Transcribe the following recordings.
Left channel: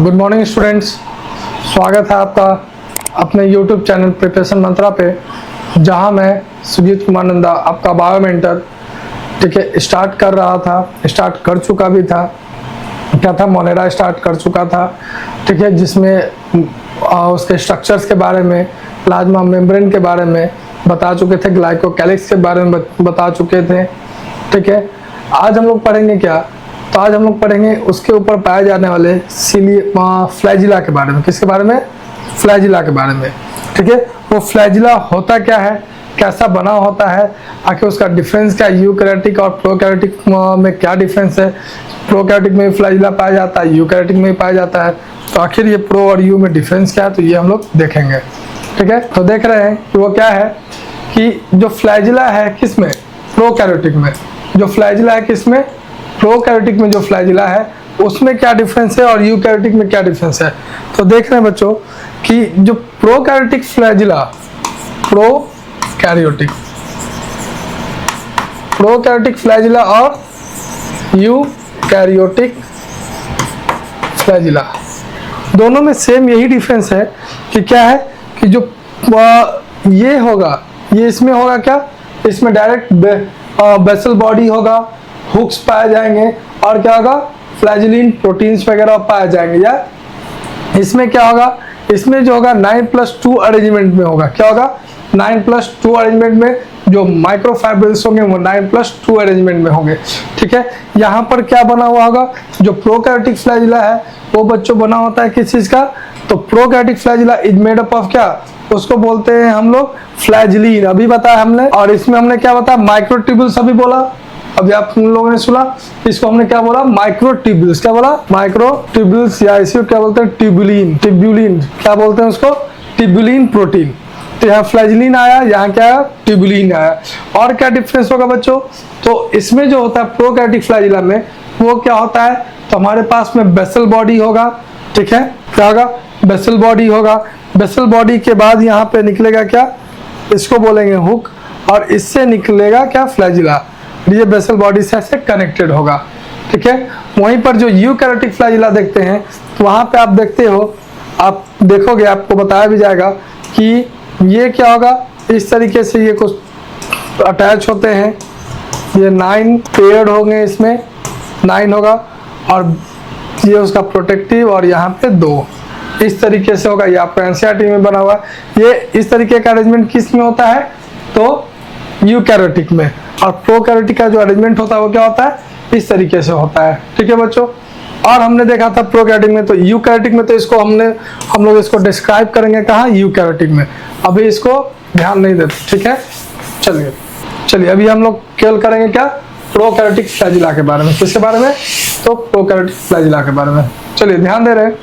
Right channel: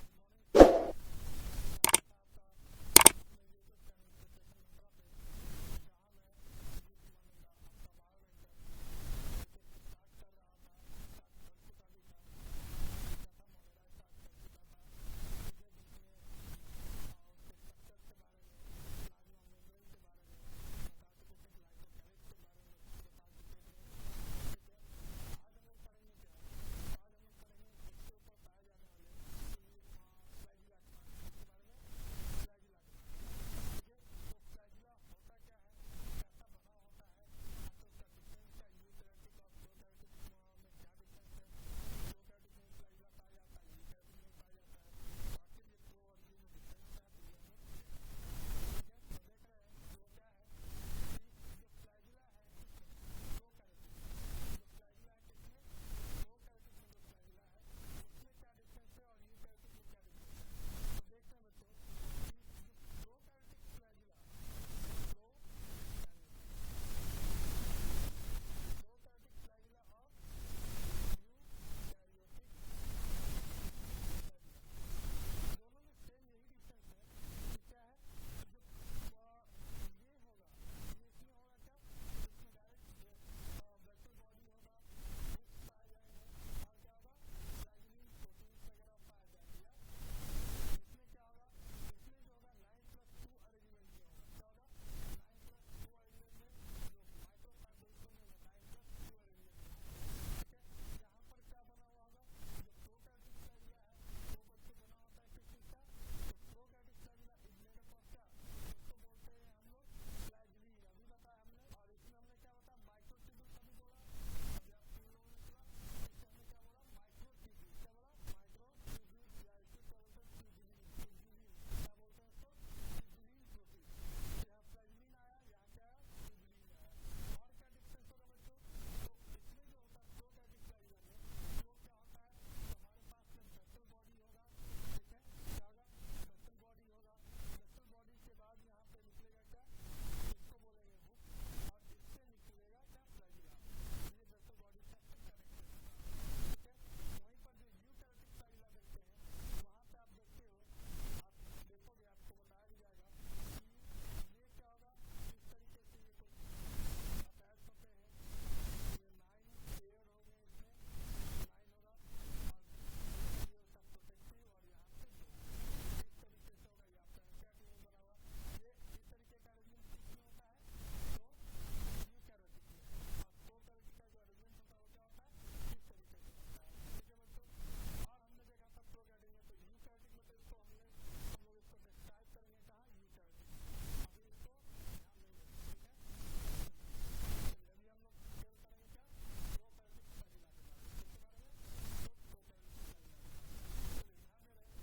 Good morning students, स्वागत है आपका अपने यूट्यूब चैनल प्रिपरेशन मंत्रा पे, जहां मैं सुजीत कुमार नंदा आपका बायो मेंटर ठीक है स्टार्ट कर चुका भी था। क्या था, मोनेरा स्टार्ट कर चुका था ठीक है, जिसमें उसके स्ट्रक्चर्स के बारे में, प्लाज्मा मेम्ब्रेन के बारे में बता चुके थे, ग्लाइकोकैलिक्स के बारे में बता चुके थे ठीक है। आज हम लोग पढ़ेंगे क्या, तो आज हम लोग पढ़ेंगे उसके ऊपर पाए जाने वाले फ्लैजिला के बारे में। किसके बारे में? फ्लैजिला के बारे में ठीक है। वो फ्लैजिला होता क्या है, कैसा बना होता है, आखिर उसका डिफरेंस क्या, यूकैरियोटिक और प्रोकैरियोटिक में क्या डिफरेंस है। प्रोकैरियोटिक में फ्लैजिला पाया जाता है, यूकैरियोटिक में पाया जाता है, तो आखिर ये प्रो और यू में डिफरेंस क्या है, तो ये हम लोग देखेंगे ठीक है। तो देख रहे हैं कि वो क्या है कि जो फ्लैजिला है किसमें, प्रोकैरियोटिक में। जो फ्लैजिला है किसमें, प्रोकैरियोटिक में जो फ्लैजिला है उसमें क्या डिफरेंस है और यूकैरियोटिक में क्या डिफरेंस है। तो देख रहे हैं बच्चों कि जो प्रोकैरियोटिक फ्लैजिला, प्रोकैरियोटिक फ्लैजिला और यूकैरियोटिक फ्लैजिला दोनों में सेम यही डिफरेंस है कि क्या है कि जो ये होगा, ये इसमें होगा क्या, इसमें डायरेक्ट बेसल बॉडी होगा, हुक्स पाए जाएंगे और क्या होगा, फ्लैजिलिन प्रोटीन्स वगैरह पाए जाएंगे। या इसमें क्या होगा, इसमें जो होगा 9+2 अरेंजमेंट में होगा। क्या होगा, 9+2 अरेंजमेंट में जो माइक्रोफाइब्रिल्स होंगे वो 9+2 अरेंजमेंट में होंगे ठीक है। यहाँ पर क्या बना हुआ होगा, जो प्रोकैरियोटिक फ्लैजिला है वो बच्चों बना होता है किस चीज का, तो prokaryotic flagella is made up of क्या, उसको बोलते हैं हम लोग फ्लैजिलिन, अभी बताया हमने। और इसमें हमने क्या बताया, माइक्रोट्यूब्यूल्स अभी बोला, अभी आप लोगों ने सुना, इसको हमने क्या बोला, माइक्रोट्यूब्यूल्स। क्या बोला, माइक्रोट्यूब्यूल्स, या इसको क्या बोलते हैं, ट्यूब्यूलिन क्या बोलते हैं उसको, ट्यूब्यूलिन प्रोटीन। तो यहाँ फ्लैजिलिन आया, यहाँ क्या आया, ट्यूब्यूलिन आया। और क्या डिफरेंस होगा बच्चों, तो इसमें जो होता है प्रोकैरियोटिक फ्लैजिला में वो क्या होता है, तो हमारे पास में बेसल बॉडी होगा ठीक है। क्या होगा, बेसल बॉडी होगा। बेसल बॉडी के बाद यहाँ पे निकलेगा क्या, इसको बोलेंगे हुक, और इससे निकलेगा क्या, फ्लैजिला। ये बेसल बॉडी से ऐसे कनेक्टेड होगा ठीक है। वहीं पर जो यूकैरियोटिक फ्लैजिला देखते हैं तो वहां पे आप देखते हो, आप देखोगे आपको बताया भी जाएगा कि ये क्या होगा, इस तरीके से ये कुछ अटैच होते हैं, ये 9 पेयर्ड होंगे, इसमें 9 होगा, और ये उसका प्रोटेक्टिव, और यहाँ पे 2 इस तरीके से होगा। ये आपको एनसीईआरटी में बना हुआ है। ये इस तरीके का अरेंजमेंट किस में होता है, तो यूकैरियोटिक में। और प्रोकैरियोटिक का जो अरेंजमेंट होता है वो क्या होता है, इस तरीके से होता है ठीक है बच्चों। और हमने देखा था प्रोकैरियोटिक में, तो यूकैरियोटिक में तो इसको हम लोग इसको डिस्क्राइब करेंगे कहाँ, यूकैरियोटिक में। अभी इसको ध्यान नहीं देते ठीक है। चलिए अभी हम लोग केवल करेंगे क्या, प्रोकैरियोटिक फ्लैजिला के बारे में। किसके बारे में, तो प्रोकैरियोटिक फ्लैजिला के बारे में। चलिए ध्यान दे रहे हैं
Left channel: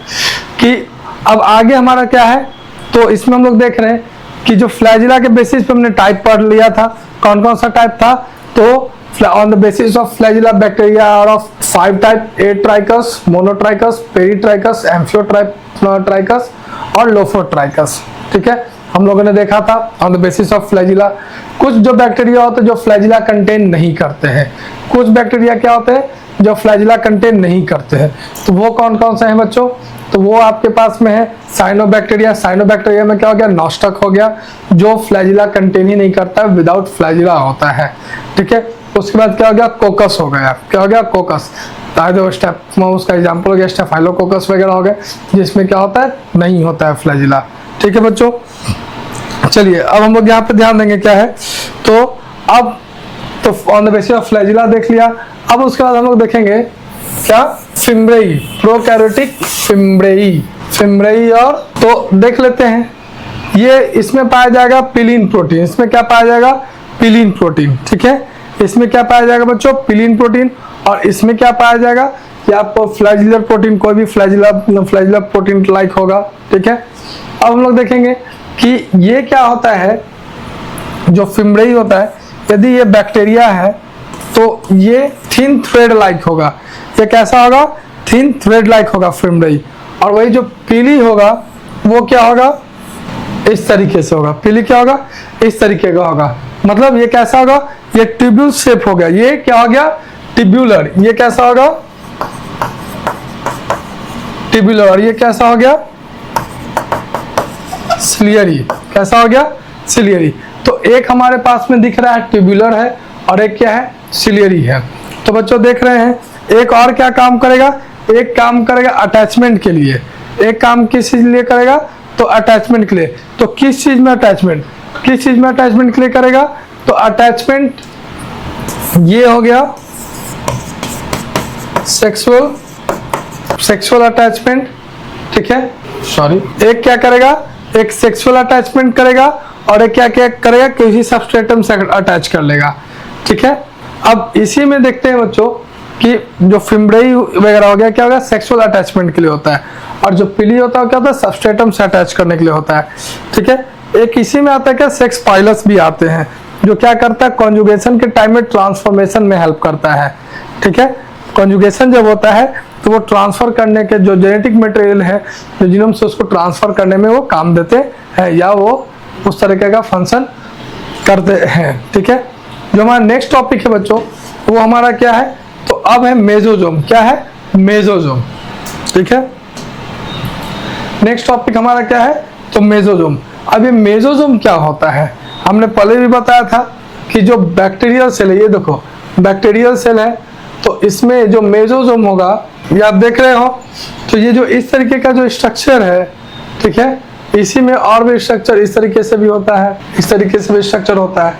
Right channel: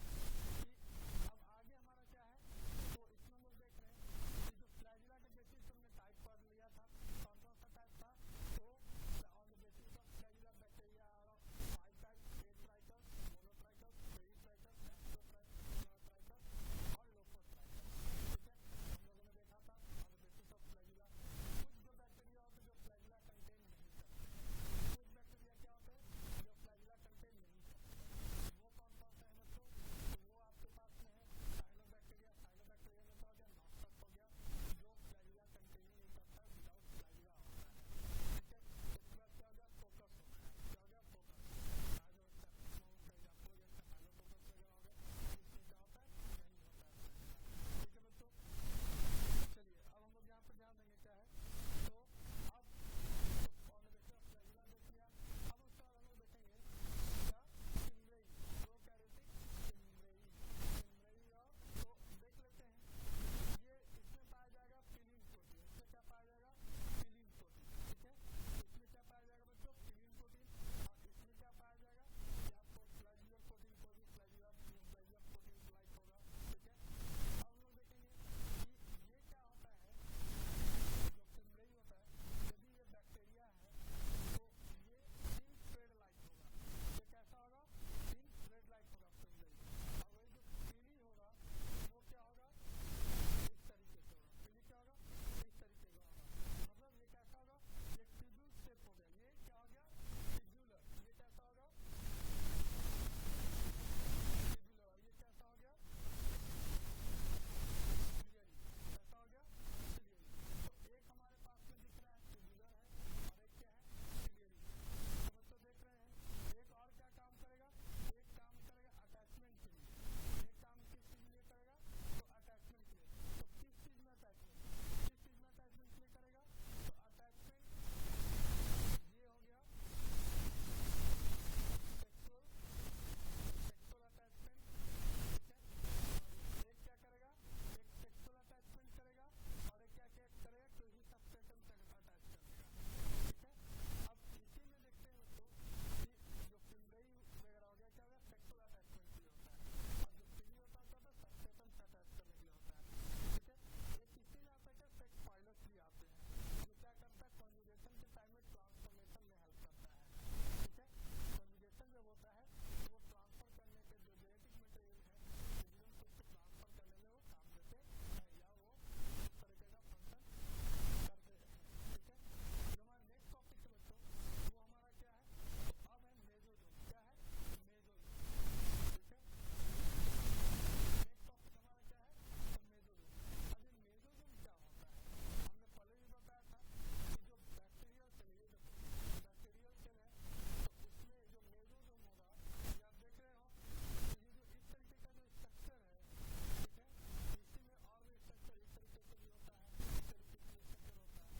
कि अब आगे हमारा क्या है, तो इसमें हम लोग देख रहे हैं कि जो फ्लैजिला के बेसिस पे हमने टाइप पढ़ लिया था, कौन कौन सा टाइप था, तो on the basis of flagella bacteria are of 5 type, atrichous, monotrichous, peritrichous, amphitrichous और लोफोट्राइकस ठीक है। हम लोगों ने देखा था on the basis of flagella. कुछ जो बैक्टीरिया होते हैं जो फ्लैजिला कंटेन नहीं करते हैं, कुछ बैक्टीरिया क्या होते हैं जो फ्लैजिला कंटेन नहीं करते हैं, तो वो कौन कौन से हैं बच्चों, तो वो आपके पास में है साइनोबैक्टीरिया। साइनोबैक्टीरिया में क्या हो गया, नॉस्टक हो गया, जो फ्लैजिला कंटेन ही नहीं करता है, विदाउट फ्लैजिला होता है ठीक है। उसके बाद क्या हो गया, कोकस हो गया। क्या हो गया, कोकस, उसका एग्जाम्पल हो गया स्टेफाइलोकोकस वगैरह हो गए, जिसमें क्या होता है, नहीं होता है फ्लैजिला ठीक है बच्चों। चलिए अब हम लोग यहाँ पे ध्यान देंगे क्या है, तो अब तो on the basis of flagella देख लिया। अब उसके बाद हम लोग देखेंगे क्या, फिम्ब्रेई, प्रोकैरियोटिक फिम्ब्रेई। और तो देख लेते हैं, ये इसमें पाया जाएगा पिलीन प्रोटीन। इसमें क्या पाया जाएगा, पिलीन प्रोटीन ठीक है। इसमें क्या पाया जाएगा बच्चों, पिलीन प्रोटीन। और इसमें क्या पाया जाएगा कि आपको फ्लैजिलर प्रोटीन, कोई भी फ्लैजिलर प्रोटीन लाइक होगा ठीक है। अब हम लोग देखेंगे कि ये क्या होता है, जो फिम्ब्रेई होता है, यदि ये बैक्टीरिया है तो ये थिन थ्रेड लाइक होगा। ये कैसा होगा, थिन थ्रेड लाइक होगा फिम्ब्रेई। और वही जो पीली होगा वो क्या होगा, इस तरीके से होगा। पीली क्या होगा, इस तरीके का होगा, मतलब ये कैसा होगा, ये ट्यूब्यूल शेप हो गया। ये क्या हो गया, ट्यूब्यूलर। ये कैसा होगा, ट्यूबुलर, और ये कैसा हो गया, सिलियरी। कैसा हो गया, सिलियरी। तो एक हमारे पास में दिख रहा है ट्यूबुलर है और एक क्या है, सिलियरी है। तो बच्चों देख रहे हैं एक और क्या काम करेगा, एक काम करेगा अटैचमेंट के लिए। एक काम किस चीज लिए करेगा, तो अटैचमेंट के लिए। तो किस चीज में अटैचमेंट, किस चीज में अटैचमेंट के लिए करेगा, तो अटैचमेंट ये हो गया सेक्सुअल अटैचमेंट, ठीक है, सॉरी। एक क्या करेगा, एक सेक्सुअल अटैचमेंट करेगा और एक क्या क्या करेगा, किसी सबस्ट्रेटम से अटैच कर लेगा, ठीक है। अब इसी में देखते हैं बच्चों कि जो फिम्ब्रेई वगैरह हो गया, क्या होगा, सेक्सुअल अटैचमेंट के लिए होता है, और जो पिली होता है क्या होता है, सबस्ट्रेटम से अटैच करने के लिए होता है, ठीक है। एक इसी में आता है क्या, सेक्स पाइलस भी आते हैं, जो क्या करता है, कॉन्जुगेशन के टाइम में ट्रांसफॉर्मेशन में हेल्प करता है, ठीक है। कॉन्जुगेशन जब होता है तो वो ट्रांसफर करने के जो जेनेटिक मटेरियल है जो जीनोम से, उसको ट्रांसफर करने में वो काम देते हैं, या वो उस तरीके का फंक्शन करते हैं, ठीक है। जो हमारा नेक्स्ट टॉपिक है बच्चों, वो हमारा क्या है, तो अब है मेसोजोम। क्या है, मेसोजोम, ठीक है। नेक्स्ट टॉपिक हमारा क्या है, तो मेसोजोम। अब ये मेसोजोम क्या होता है, हमने पहले भी बताया था कि जो बैक्टीरियल सेल है, ये देखो बैक्टीरियल सेल है, तो इसमें जो मेसोजोम होगा, ये आप देख रहे हो, तो ये जो इस तरीके का जो स्ट्रक्चर है, ठीक है, इसी में और भी स्ट्रक्चर इस तरीके से भी होता है, इस तरीके से भी स्ट्रक्चर होता है।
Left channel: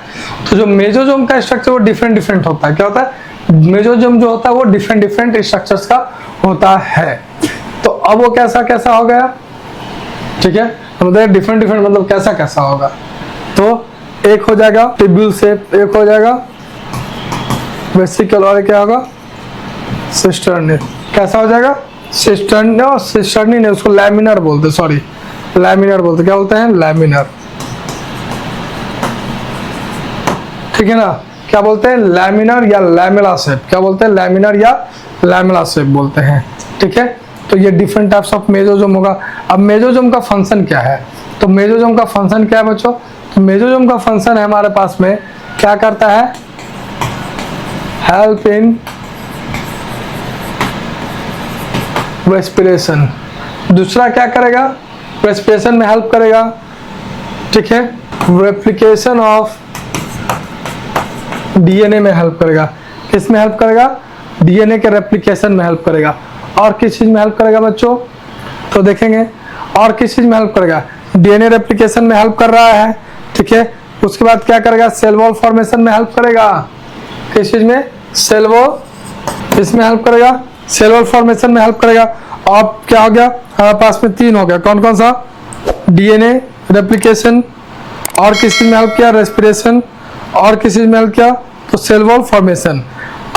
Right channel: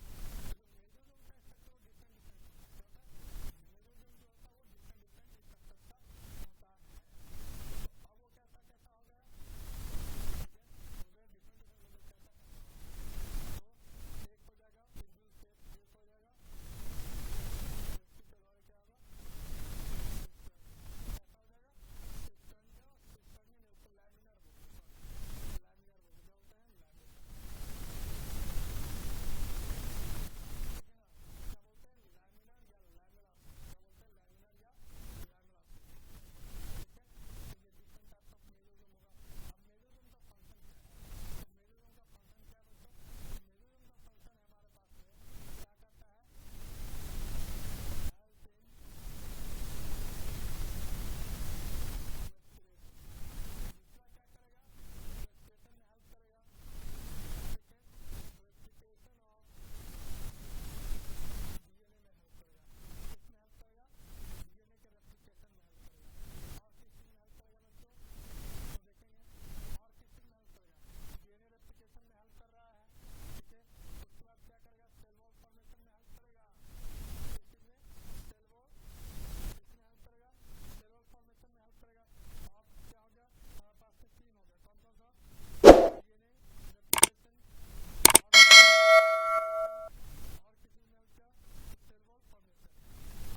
तो जो मेसोजोम का स्ट्रक्चर वो डिफरेंट होता है। क्या होता है, मेसोजोम जो होता है वो डिफरेंट स्ट्रक्चर्स का होता है। तो अब वो कैसा हो गया, ठीक है, मतलब डिफरेंट मतलब कैसा होगा, तो एक हो जाएगा ट्यूब्यूल शेप, एक हो जाएगा वेसिकल, और क्या होगा, सिस्टर्नी। कैसा हो जाएगा, सिस्टर्नी, और सिस्टर्नी नहीं, उसको लैमिनर बोलते, सॉरी लैमिनर बोलते, क्या बोलते हैं, लैमिनर, ठीक है ना। क्या बोलते हैं, लैमिनर या लैमेला शेप, क्या बोलते हैं, लैमिनर या लैमेला शेप बोलते हैं, ठीक है। तो ये डिफरेंट टाइप्स ऑफ मेसोजोम होगा। अब मेसोजोम का फंक्शन क्या है, तो मेसोजोम का फंक्शन क्या है बच्चों, तो मेसोजोम का फंक्शन है हमारे पास में, क्या करता है, हेल्प इन रेस्पिरेशन। दूसरा क्या करेगा, रेस्पिरेशन में हेल्प करेगा, ठीक है। रेप्लिकेशन ऑफ डीएनए में हेल्प करेगा। किस में हेल्प करेगा, डीएनए के रेप्लिकेशन में हेल्प करेगा। और किस चीज में हेल्प करेगा बच्चों, तो देखेंगे और किस चीज में हेल्प करेगा, डीएनए रेप्लिकेशन में हेल्प कर रहा है, ठीक है। उसके बाद क्या करेगा, सेल वॉल फॉर्मेशन में हेल्प करेगा। किस चीज में, सेल वॉल, इसमें हेल्प करेगा, सेल वॉल फॉर्मेशन में हेल्प करेगा। अब क्या हो गया, हमारे पास में तीन हो गया, कौन कौन सा, डीएनए रेप्लिकेशन, और किस चीज में हेल्प किया, रेस्पिरेशन, और किस चीज में हेल्प किया, तो सेल वॉल फॉर्मेशन।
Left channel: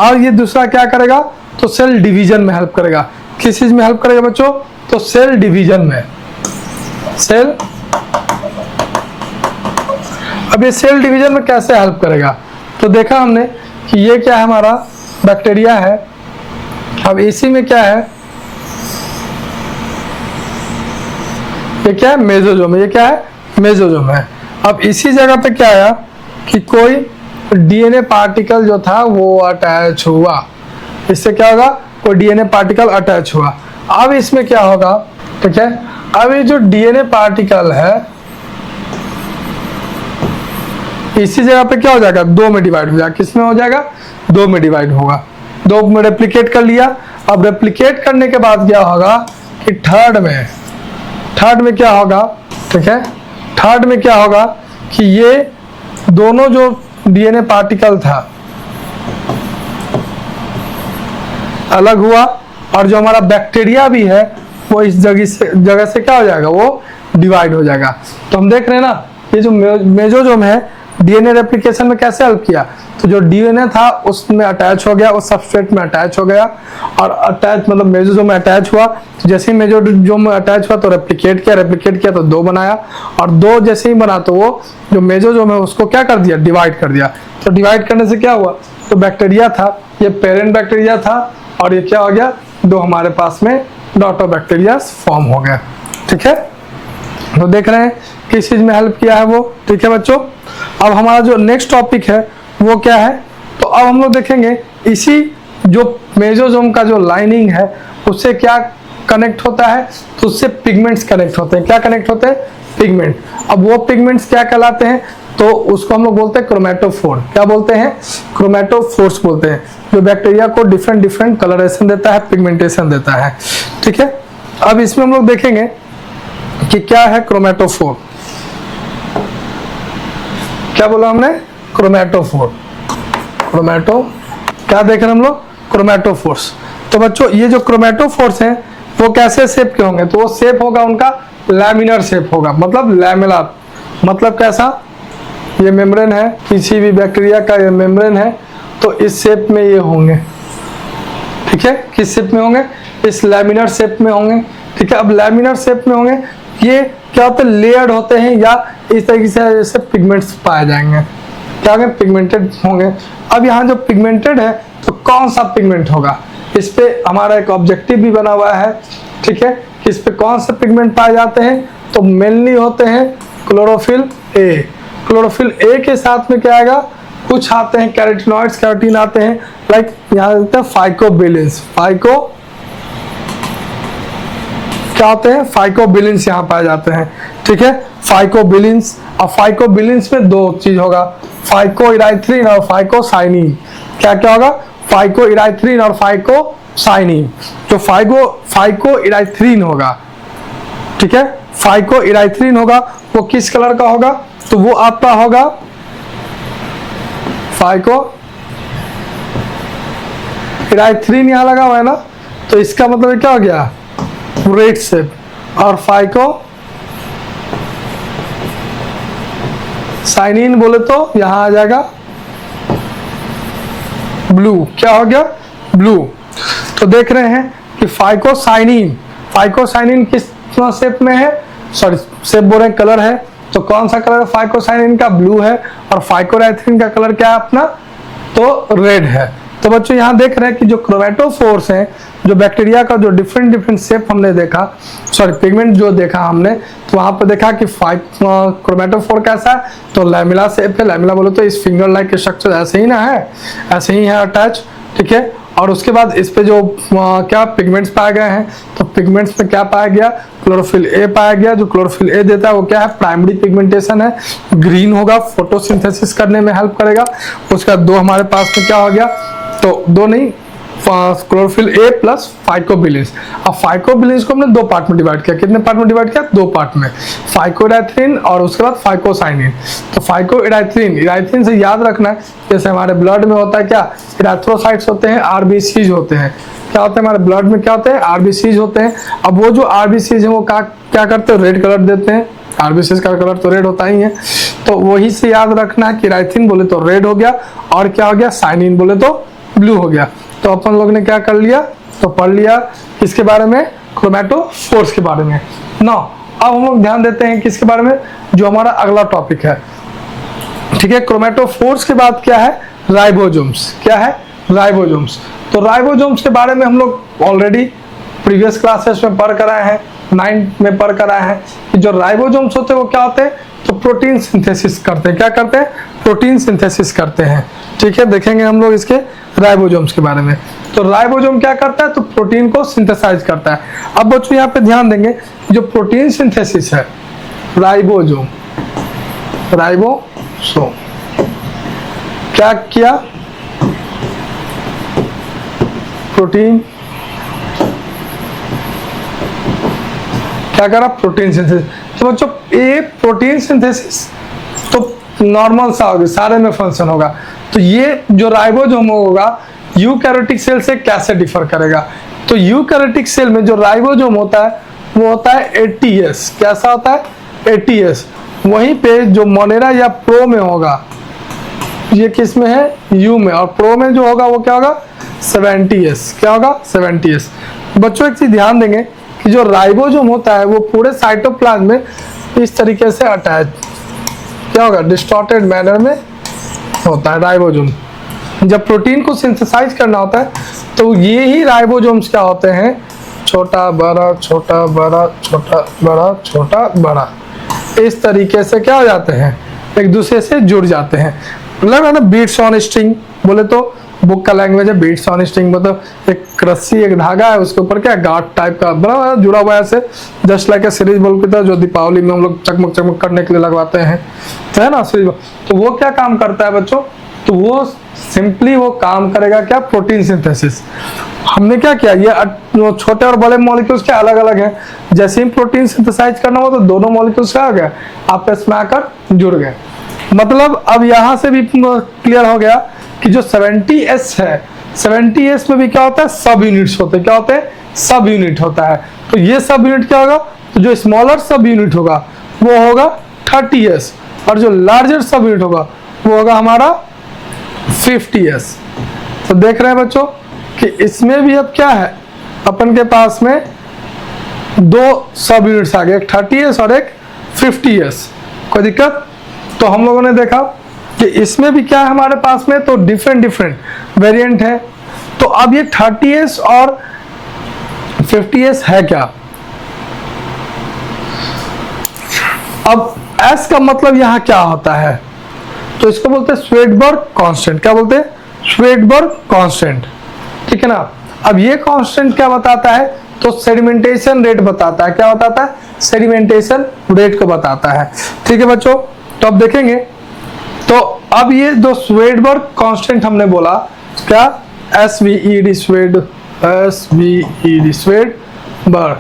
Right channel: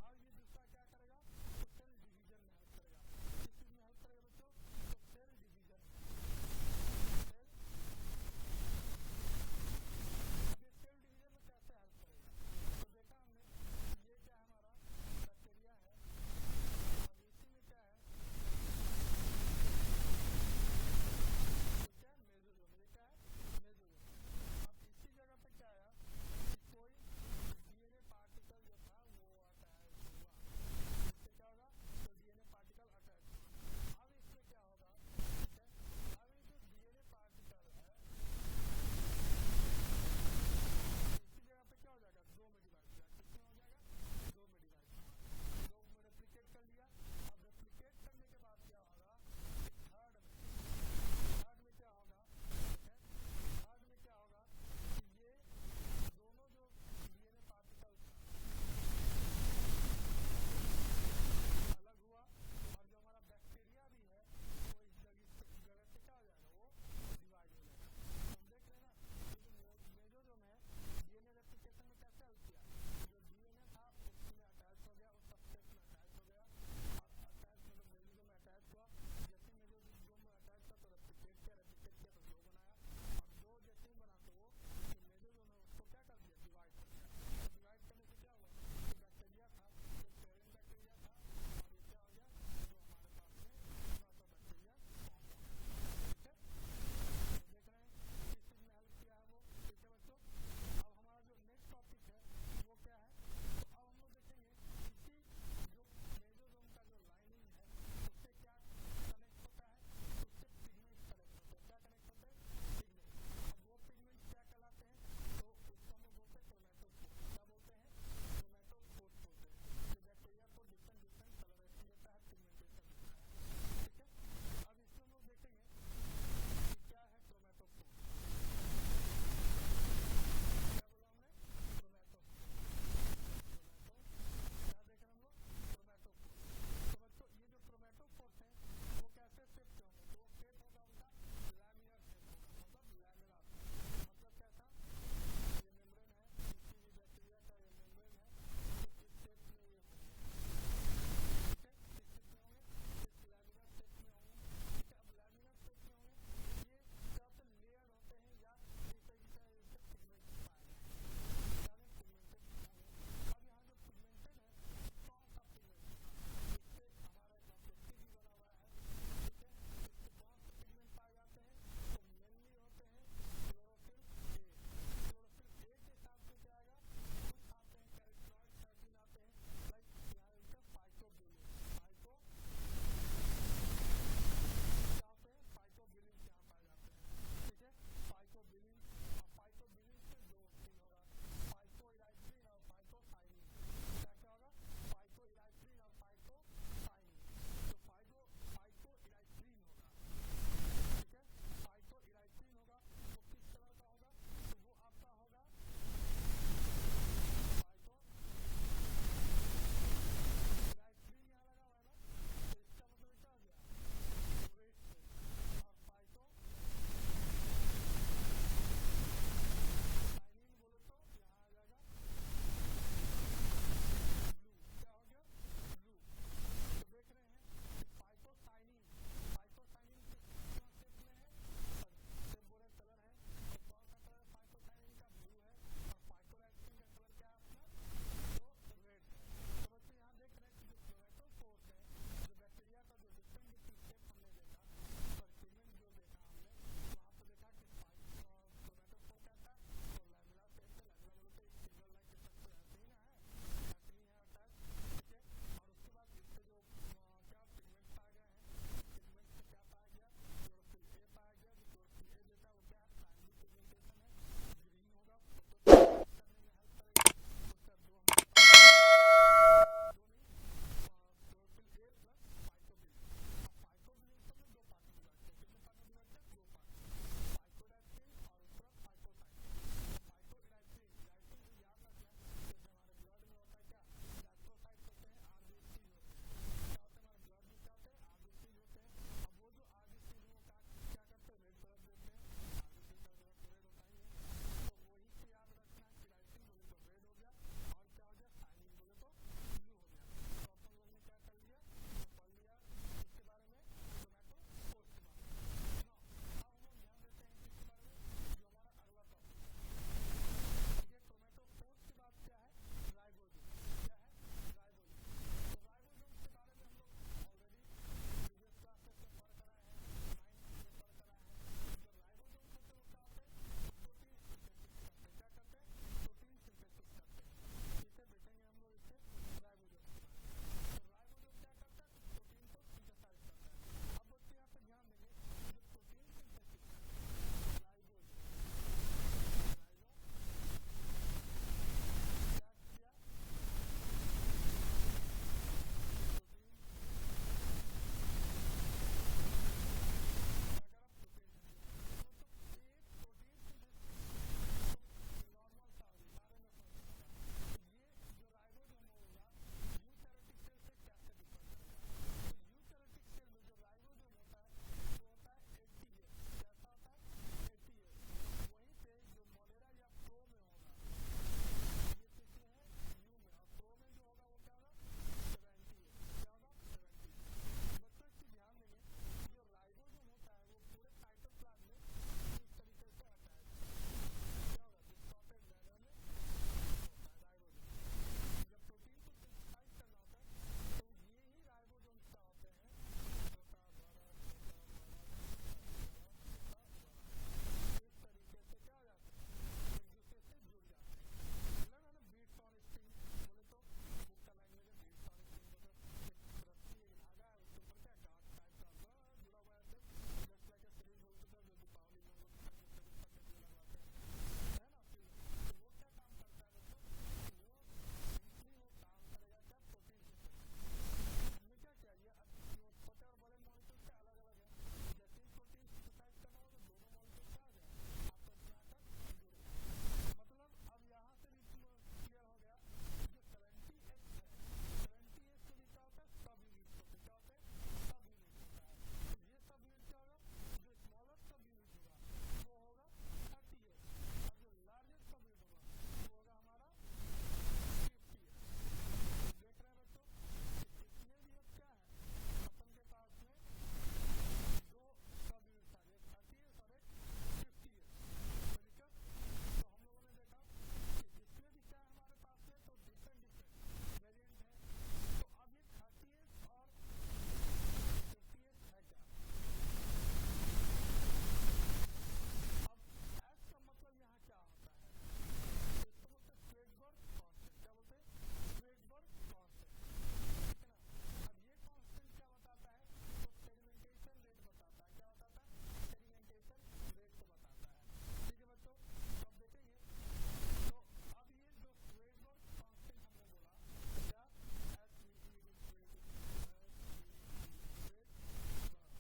और ये दूसरा क्या करेगा, तो सेल डिवीजन में हेल्प करेगा। किस चीज में हेल्प करेगा बच्चों, तो सेल डिवीजन में, सेल। अब ये सेल डिवीजन में कैसे हेल्प करेगा, तो देखा हमने कि ये क्या है, हमारा बैक्टीरिया है। अब इसी में क्या है, ये क्या है, मेसोजोम, ये क्या है, मेसोजोम है। अब इसी जगह पे क्या आया कि कोई डीएनए पार्टिकल जो था वो अटैच हुआ, इससे क्या होगा, कोई डीएनए पार्टिकल अटैच हुआ। अब इसमें क्या होगा, ठीक है, अब ये जो डीएनए पार्टिकल है इसी जगह पे क्या हो जाएगा, दो में डिवाइड हो जाएगा। किसमें हो जाएगा, दो में डिवाइड होगा, दो में रेप्लिकेट कर लिया। अब रेप्लिकेट करने के बाद क्या होगा कि थर्ड में क्या होगा, ठीक है, थर्ड में क्या होगा कि ये दोनों जो डीएनए पार्टिकल था अलग हुआ, और जो हमारा बैक्टीरिया भी है वो इस जगह से क्या हो जाएगा, वो डिवाइड हो जाएगा। तो हम देख रहे हैं ना, ये जो मेसोजोम है डीएनए रेप्लिकेशन में कैसे हेल्प किया, तो जो डीएनए था उसमें अटैच हो गया, उस सबस्ट्रेट में अटैच हो गया, और अटैच मतलब मेसोजोम में अटैच हुआ। जैसे ही मेसोजोम में अटैच हुआ तो रेप्लिकेट किया तो दो बनाया, और दो जैसे ही बना तो वो जो मेसोजोम है उसको क्या कर दिया, डिवाइड कर दिया। तो डिवाइड करने से क्या हुआ, तो बैक्टीरिया था, ये पेरेंट बैक्टीरिया था, और ये क्या हो गया, दो हमारे पास में डॉटर बैक्टीरिया फॉर्म हो गया, ठीक है। तो देख रहे हैं किस चीज में हेल्प किया है वो, ठीक है बच्चों। अब हमारा जो नेक्स्ट टॉपिक है वो क्या है, तो अब हम लोग देखेंगे इसी जो मेसोजोम का जो लाइनिंग है उससे क्या कनेक्ट होता है तो उससे पिगमेंट्स कनेक्ट होते हैं। क्या कनेक्ट होते हैं? पिगमेंट। अब वो पिगमेंट्स क्या कहलाते हैं? तो उसको हम लोग बोलते हैं क्रोमेटोफोर। क्या बोलते हैं? क्रोमेटोफोर्स बोलते हैं, जो बैक्टीरिया को डिफरेंट डिफरेंट कलरेशन देता है, पिगमेंटेशन देता है। ठीक है, अब इसमें हम लोग देखेंगे कि क्या है क्रोमेटोफोर। क्या बोला हमने? क्रोमेटोफोर। क्रोमेटो क्या देख रहे हैं हम लोग? क्रोमेटोफोर्स। तो बच्चों ये जो क्रोमेटोफोर्स हैं वो कैसे शेप के होंगे? तो वो शेप होगा उनका लैमिनर शेप होगा, मतलब लैमेलर। मतलब कैसा? ये मेम्ब्रेन है, किसी भी बैक्टीरिया का ये मेम्ब्रेन है, तो इस शेप में ये होंगे। ठीक है, किस शेप में होंगे? इस लैमिनर शेप में होंगे। ठीक है, अब लैमिनर शेप में होंगे, ये क्या होते हैं? लेयर्ड होते हैं, या इस तरीके से जैसे पिगमेंट्स पाए जाएंगे। क्या होंगे? पिगमेंटेड होंगे। अब यहाँ जो पिगमेंटेड है तो कौन सा पिगमेंट होगा? इस पे हमारा एक ऑब्जेक्टिव भी बना हुआ है। ठीक है, कि इस पे कौन से पिगमेंट पाए जाते हैं? तो मेनली होते हैं क्लोरोफिल ए। क्लोरोफिल ए के साथ में क्या आएगा? कुछ आते हैं कैरोटीनॉइड्स, कैरोटीन आते हैं, लाइक यहाँ देखते हैं फाइकोबिलिन्स। फाइको क्या होते हैं? फाइकोबिलिन्स यहाँ पाए जाते हैं। ठीक है, फाइकोबिलिन्स। और फाइकोबिलिन्स में दो चीज होगा, फाइकोइराइथ्रिन और फाइकोसाइनिन। क्या क्या होगा? फाइकोइराइथ्रिन और फाइकोसाइनिन। जो फाइकोइराइथ्रिन होगा, ठीक है, फाइकोइराइथ्रिन होगा, वो किस कलर का होगा? तो वो आपका होगा फाइकोइराइथ्रिन, यहाँ लगा हुआ है ना, तो इसका मतलब क्या हो गया? Red shape. और फाइकोसाइनिन बोले तो यहाँ आ जाएगा ब्लू। क्या हो गया? ब्लू। तो देख रहे हैं कि फाइकोसाइनिन किस शेप में है? सॉरी, शेप बोल रहे हैं, कलर है। तो कौन सा कलर फाइकोसाइनिन का? ब्लू है। और फाइकोराइथ्रिन का कलर क्या है अपना? तो रेड है। तो बच्चों यहाँ देख रहे हैं कि जो क्रोमेटोफोर्स हैं, जो बैक्टीरिया का जो डिफरेंट डिफरेंट शेप हमने देखा, सॉरी पिगमेंट जो देखा हमने, तो वहां पर देखा कि क्रोमेटोफोर कैसा है? तो लैमिला शेप है। लैमिला बोलो तो इस फिंगर लाइक स्ट्रक्चर ऐसे ही ना है, ऐसे ही है अटैच। ठीक है, और उसके बाद इस पे जो क्या पिगमेंट्स पाए गए हैं, तो पिगमेंट्स में क्या पाया गया? क्लोरोफिल ए पाया गया। जो क्लोरोफिल ए देता है वो क्या है? प्राइमरी पिगमेंटेशन है, ग्रीन होगा, फोटोसिंथेसिस करने में हेल्प करेगा। उसका दो हमारे पास में क्या हो गया? तो दो नहीं, क्लोरोफिल ए प्लस फाइकोबिलिन्स। अब फाइकोबिलिन्स को हमने दो पार्ट में डिवाइड किया। कितने पार्ट में डिवाइड किया? दो पार्ट में, फाइकोइराइथ्रिन और उसके बाद फाइकोसाइनिन। तो फाइकोइराइथ्रिन, इराइथ्रिन से याद रखना है, जैसे हमारे ब्लड में होता है क्या? इराथ्रोसाइट्स होते हैं, आरबीसीज होते हैं। क्या होते हैं हमारे ब्लड में? क्या होते हैं? आरबीसीज होते हैं। अब वो जो आरबीसीज है वो क्या करते हैं? रेड कलर देते हैं। आरबीसीज का कलर तो रेड होता ही है, तो वही से याद रखना है कि इराइथ्रिन बोले तो रेड हो गया, और क्या हो गया? साइनिन बोले तो ब्लू हो गया। तो अपन लोग ने क्या कर लिया? तो पढ़ लिया किसके बारे में? क्रोमेटोफोर्स के बारे में। ना अब हम लोग ध्यान देते हैं किसके बारे में? जो हमारा अगला टॉपिक है। ठीक है, क्रोमेटोफोर्स के बाद क्या है? राइबोसोम्स। क्या है? राइबोसोम्स। तो राइबोसोम्स के बारे में हम लोग ऑलरेडी प्रीवियस क्लासेस में पढ़ कर आए हैं, 9th में पढ़ कर आए हैं कि जो राइबोसोम्स होते हैं वो क्या होते हैं? तो प्रोटीन सिंथेसिस करते हैं। क्या करते हैं? प्रोटीन सिंथेसिस करते हैं। ठीक है, देखेंगे हम लोग इसके राइबोसोम्स के बारे में। तो राइबोसोम क्या करता है? तो प्रोटीन को सिंथेसाइज करता है। अब बच्चों यहाँ पे ध्यान देंगे, जो प्रोटीन सिंथेसिस है, राइबोसोम क्या किया? प्रोटीन क्या करा? Protein synthesis. तो बच्चों ये प्रोटीन सिंथेसिस तो नॉर्मल सा होगा, सारे में फंक्शन होगा। तो ये जो राइबोसोम होगा यूकैरियोटिक सेल से कैसे डिफर करेगा? तो यूकैरियोटिक सेल में जो राइबोसोम होता है वो होता है एटीएस। कैसा होता है? एटीएस। वहीं पे जो मोनेरा या प्रो में होगा, ये किस में है? यू में। और प्रो में जो होगा वो क्या होगा? 70s। क्या होगा? 70s। बच्चों एक चीज ध्यान देंगे कि जो राइबोसोम होता है वो पूरे साइटोप्लाज्म में इस तरीके से अटैच क्या होगा? डिस्टॉर्टेड मैनर में होता है राइबोसोम। जब प्रोटीन को सिंथेसाइज करना होता है तो ये ही राइबोसोम्स क्या होते हैं? छोटा बड़ा छोटा बड़ा छोटा बड़ा छोटा बड़ा, इस तरीके से क्या हो जाते हैं? एक दूसरे से जुड़ जाते हैं। मतलब है ना, बीट्स ऑन स्ट्रिंग बोले तो बुक का लैंग्वेज है बीट्स ऑन स्ट्रिंग, मतलब एक रस्सी एक धागा है उसके ऊपर क्या गांठ टाइप का बड़ा जुड़ा हुआ है ऐसे, just like a series bulb की तरह, जो दीपावली में हम लोग चकमक चकमक करने के लिए लगवाते हैं, तो है ना सीरीज बल्ब। तो वो क्या काम करता है बच्चों, तो वो सिंपली वो काम करेगा क्या, प्रोटीन सिंथेसिस। हमने क्या किया, ये छोटे और बड़े मॉलिक्यूल्स क्या अलग अलग हैं, जैसे ही प्रोटीन सिंथेसाइज करना हो तो दोनों मॉलिक्यूल्स क्या हो गया आपस में आकर जुड़ गए। मतलब अब यहां से भी क्लियर हो गया कि जो 70S है, 70S में भी क्या होता है, सब यूनिट्स होते हैं, क्या होते हैं, सब यूनिट होता है। तो ये सब यूनिट क्या होगा, तो जो स्मॉलर सब यूनिट होगा वो होगा 30S, और जो लार्जर सब यूनिट होगा वो होगा हमारा 50S। तो देख रहे हैं बच्चों कि इसमें भी अब क्या है, अपन के पास में दो सब यूनिट्स आ गए, एक 30S और एक 50S। कोई दिक्कत? तो हम लोगों ने देखा कि इसमें भी क्या है हमारे पास में, तो डिफरेंट वेरिएंट है। तो अब ये 30S और 50S है क्या, अब S का मतलब यहां क्या होता है, तो इसको बोलते हैं श्वेडबर्ग कांस्टेंट। क्या बोलते हैं, श्वेडबर्ग कांस्टेंट, ठीक है ना। अब ये कांस्टेंट क्या बताता है, तो सेडिमेंटेशन रेट बताता है। क्या बताता है, सेडिमेंटेशन रेट को बताता है, ठीक है बच्चों। तो अब देखेंगे, तो अब ये जो श्वेडबर्ग कांस्टेंट हमने बोला क्या, SVED श्वेडबर्ग,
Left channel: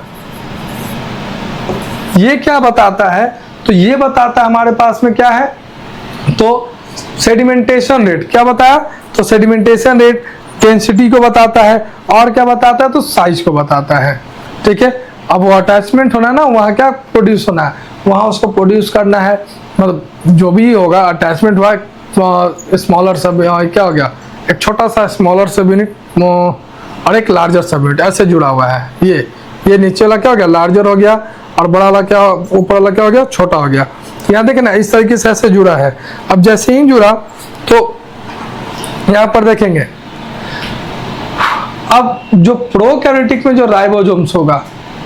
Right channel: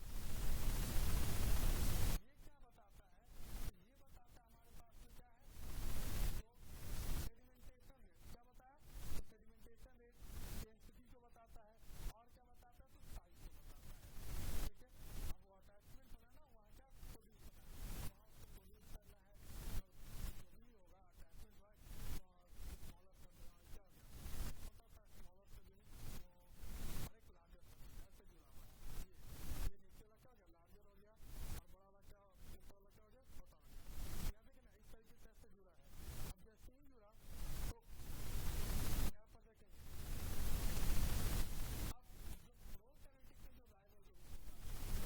ये क्या बताता है, तो ये बताता है हमारे पास में क्या है, तो सेडिमेंटेशन रेट। क्या बताया, तो सेडिमेंटेशन रेट डेंसिटी को बताता है, और क्या बताता है, तो साइज को बताता है, ठीक है। अब वो अटैचमेंट होना है ना, वहाँ क्या प्रोड्यूस होना है, वहाँ उसको प्रोड्यूस करना है, मतलब जो भी होगा अटैचमेंट हुआ, स्मॉलर सब क्या हो गया, एक छोटा सा स्मॉलर सब यूनिट और एक लार्जर सब यूनिट ऐसे जुड़ा हुआ है। ये नीचे वाला क्या हो गया, लार्जर हो गया, और बड़ा वाला क्या, ऊपर वाला क्या हो गया, छोटा हो गया। यहाँ देखें ना, इस तरीके से ऐसे जुड़ा है। अब जैसे ही जुड़ा तो यहाँ पर देखेंगे, अब जो प्रोकैरियोटिक में जो राइबोसोम्स होगा,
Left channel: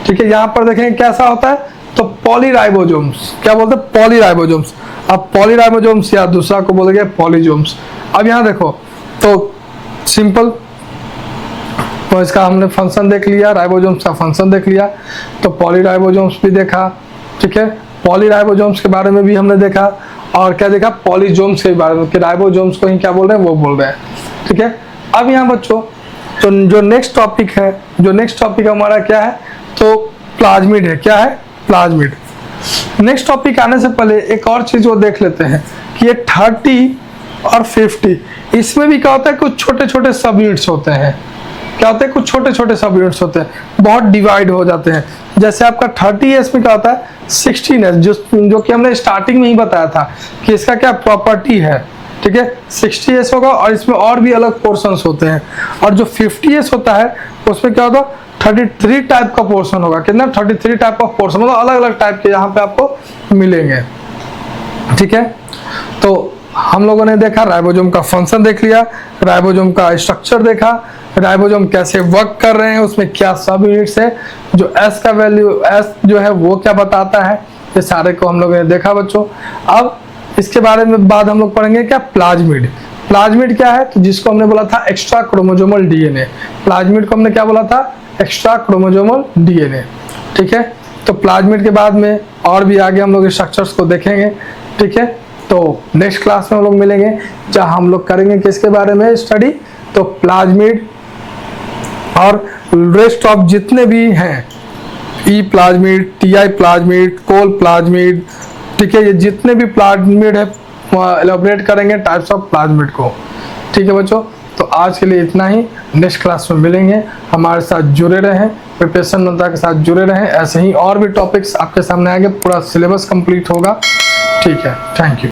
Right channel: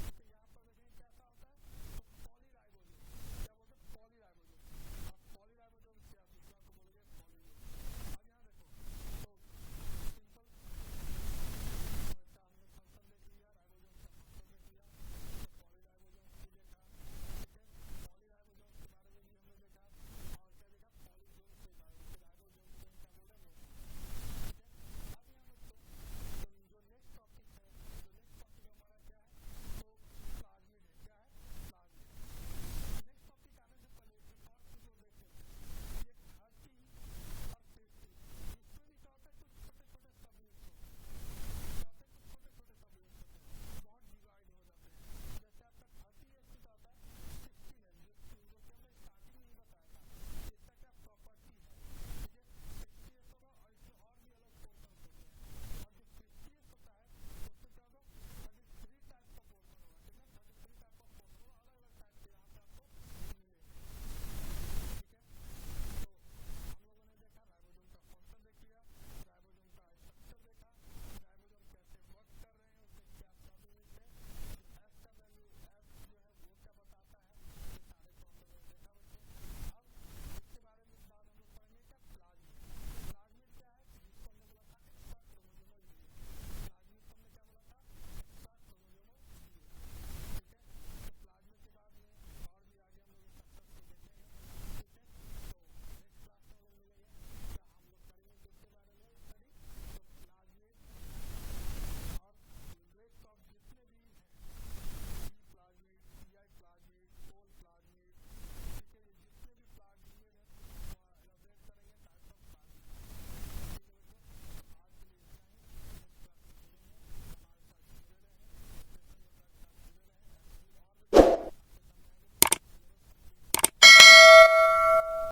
ठीक है, यहाँ पर देखेंगे कैसा होता है, तो पॉलीराइबोसोम्स। क्या बोलते हैं, पॉलीराइबोसोम्स। अब पॉलीराइबोसोम्स या दूसरा को बोलेंगे पॉलीजोम्स। अब यहाँ देखो, तो सिंपल, तो इसका हमने फंक्शन देख लिया, राइबोसोम्स का फंक्शन देख लिया, तो पॉलीराइबोसोम्स भी देखा, ठीक है। पॉलीराइबोसोम्स के बारे में भी हमने देखा, और क्या देखा, पॉलीजोम्स के बारे में, कि राइबोसोम्स को ही क्या बोल रहे हैं, वो बोल रहे हैं, ठीक है। अब यहाँ बच्चों, तो जो नेक्स्ट टॉपिक हमारा क्या है, तो प्लाज्मिड है। क्या है, प्लाज्मिड। नेक्स्ट टॉपिक आने से पहले एक और चीज वो देख लेते हैं कि ये 30 और 50, इसमें भी क्या होता है, कुछ छोटे छोटे सब यूनिट्स होते हैं। क्या होते हैं, कुछ छोटे छोटे सब यूनिट्स होते हैं, बहुत डिवाइड हो जाते हैं। जैसे आपका 30S में क्या होता है, 16S, जो कि हमने स्टार्टिंग में ही बताया था कि इसका क्या प्रॉपर्टी है, ठीक है। 60S होगा, और इसमें और भी अलग पोर्शंस होते हैं। और जो 50S होता है उसमें क्या होगा, 33 टाइप का पोर्शन होगा। कितना, 33 टाइप ऑफ पोर्शन, मतलब अलग अलग टाइप के यहाँ पे आपको मिलेंगे, ठीक है। तो हम लोगों ने देखा, राइबोसोम का फंक्शन देख लिया, राइबोसोम का स्ट्रक्चर देखा, राइबोसोम कैसे वर्क कर रहे हैं, उसमें क्या सब यूनिट्स है, जो S का वैल्यू, S जो है वो क्या बताता है, ये सारे को हम लोगों ने देखा बच्चों। अब इसके बारे में बाद हम लोग पढ़ेंगे क्या, प्लाज्मिड। प्लाज्मिड क्या है, तो जिसको हमने बोला था एक्स्ट्रा क्रोमोसोमल DNA, प्लाज्मिड को हमने क्या बोला था, एक्स्ट्रा क्रोमोसोमल DNA, ठीक है। तो प्लाज्मिड के बाद में और भी आगे हम लोग स्ट्रक्चर्स को देखेंगे, ठीक है। तो नेक्स्ट क्लास में हम लोग मिलेंगे, जहाँ हम लोग करेंगे किसके बारे में स्टडी, तो प्लाज्मिड और रेस्ट ऑफ जितने भी हैं, ई प्लाज्मिड, TI प्लाज्मिड, कोल प्लाज्मिड, ठीक है, ये जितने भी प्लाज्मिड है एलैबोरेट करेंगे टाइप्स ऑफ प्लाज्मिड को, ठीक है बच्चों। तो आज के लिए इतना ही, नेक्स्ट क्लास में मिलेंगे। हमारे साथ जुड़े रहें, प्रिपरेशन मंत्रा के साथ जुड़े रहें, ऐसे ही और भी टॉपिक्स आपके सामने आएंगे, पूरा सिलेबस कंप्लीट होगा, ठीक है। Thank you.